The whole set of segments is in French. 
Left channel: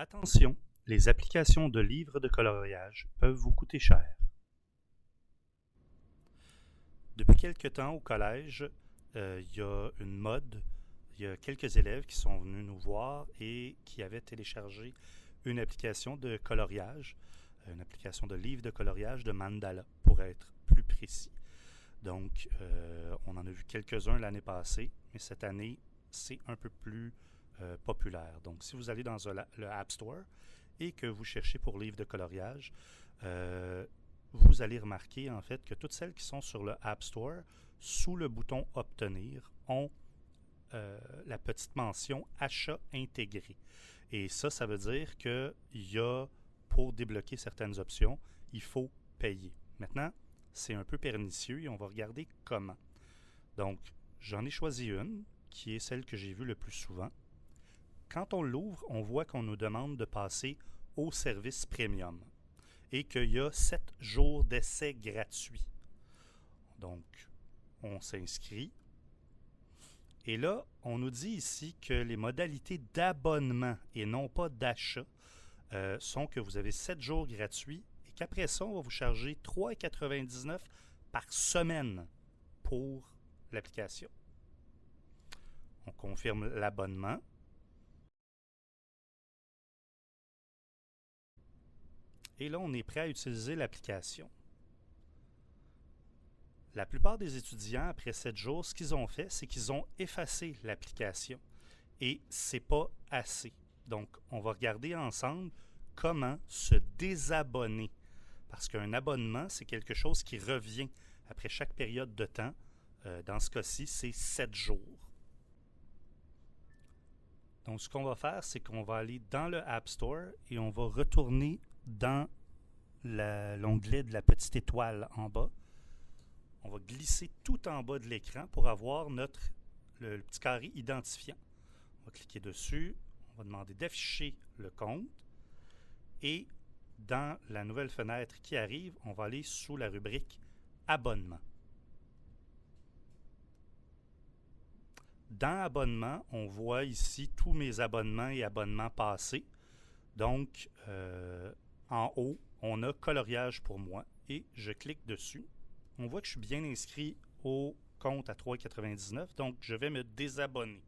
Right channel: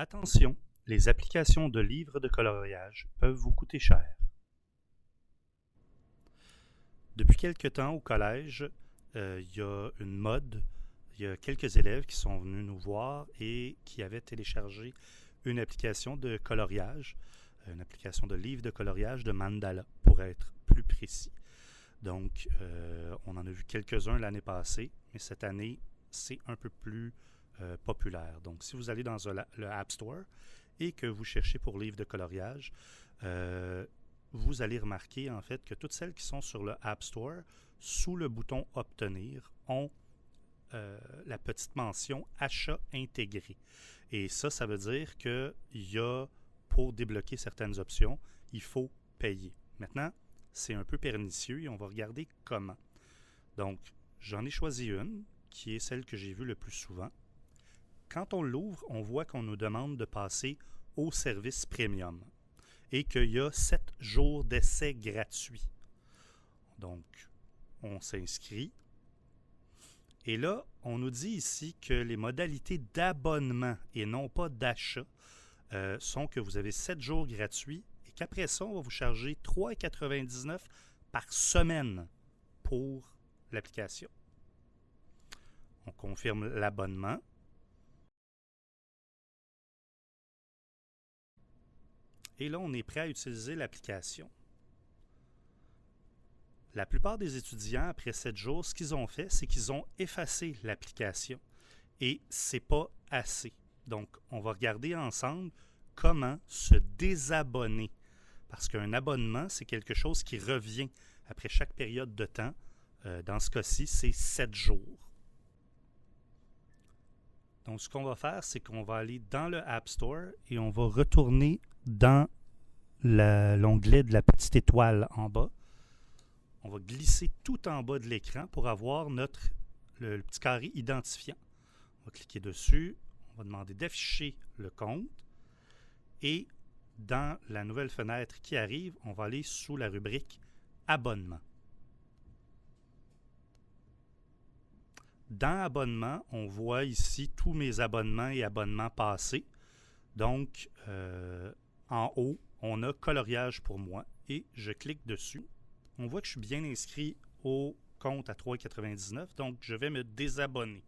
Attention, les applications de livres de coloriage peuvent vous coûter cher. Depuis quelque temps au collège, il y a une mode. Il y a quelques élèves qui sont venus nous voir et qui avaient téléchargé une application de coloriage, une application de livre de coloriage de mandala, pour être plus précis. Donc, on en a vu quelques-uns l'année passée, mais cette année, c'est un peu plus populaire. Donc, si vous allez dans le App Store et que vous cherchez pour livre de coloriage, vous allez remarquer en fait que toutes celles qui sont sur le App Store, sous le bouton Obtenir, ont la petite mention Achat intégré. Et ça veut dire qu'il y a, pour débloquer certaines options, il faut payer. Maintenant, c'est un peu pernicieux et on va regarder comment. Donc, j'en ai choisi une qui est celle que j'ai vue le plus souvent. Quand on l'ouvre, on voit qu'on nous demande de passer au service premium et qu'il y a 7 jours d'essai gratuit. Donc, on s'inscrit. Et là, on nous dit ici que les modalités d'abonnement et non pas d'achat sont que vous avez 7 jours gratuits et qu'après ça, on va vous charger 3,99 par semaine pour l'application. On confirme l'abonnement. Et là, on est prêt à utiliser l'application. La plupart des étudiants, après 7 jours, ce qu'ils ont fait, c'est qu'ils ont effacé l'application. Et c'est pas assez. Donc, on va regarder ensemble comment se désabonner. Parce qu'un abonnement, c'est quelque chose qui revient après chaque période de temps. Dans ce cas-ci, c'est 7 jours. Donc, ce qu'on va faire, c'est qu'on va aller dans le App Store et on va retourner dans l'onglet de la petite étoile en bas. On va glisser tout en bas de l'écran pour avoir le petit carré identifiant. On va cliquer dessus. On va demander d'afficher le compte. Et dans la nouvelle fenêtre qui arrive, on va aller sous la rubrique Abonnement. Dans Abonnement, on voit ici tous mes abonnements et abonnements passés. Donc, en haut, on a Coloriage pour moi et je clique dessus. On voit que je suis bien inscrit au compte à 3,99, donc je vais me désabonner.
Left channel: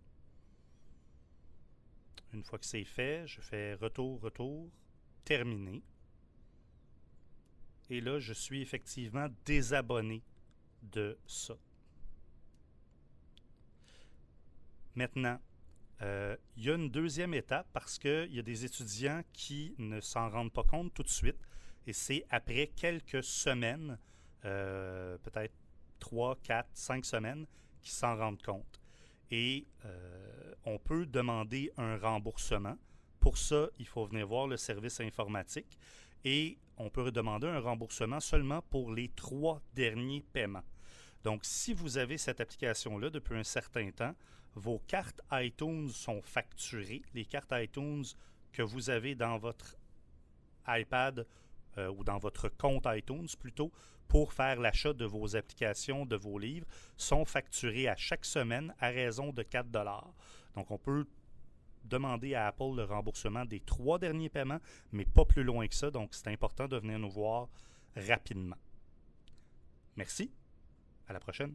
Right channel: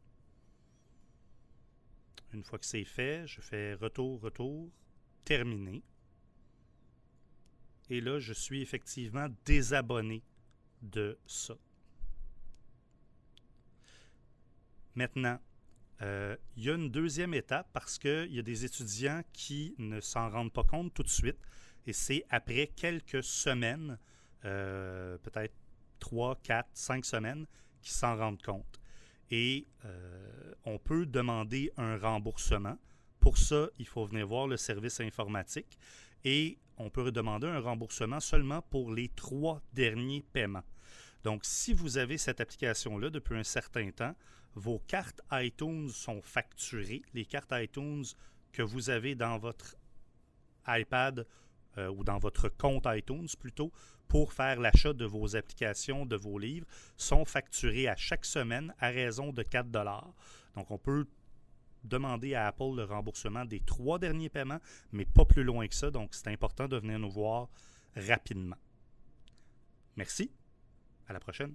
Une fois que c'est fait, je fais retour, terminer. Et là, je suis effectivement désabonné de ça. Maintenant, il y a une deuxième étape parce qu'il y a des étudiants qui ne s'en rendent pas compte tout de suite. Et c'est après quelques semaines, peut-être 3, 4, 5 semaines, qui s'en rendent compte. Et on peut demander un remboursement. Pour ça, il faut venir voir le service informatique. Et on peut demander un remboursement seulement pour les 3 derniers paiements. Donc, si vous avez cette application-là depuis un certain temps, vos cartes iTunes sont facturées. Les cartes iTunes que vous avez dans votre iPad ou dans votre compte iTunes plutôt, pour faire l'achat de vos applications, de vos livres, sont facturées à chaque semaine à raison de 4 $. Donc, on peut demander à Apple le remboursement des 3 derniers paiements, mais pas plus loin que ça. Donc, c'est important de venir nous voir rapidement. Merci. À la prochaine.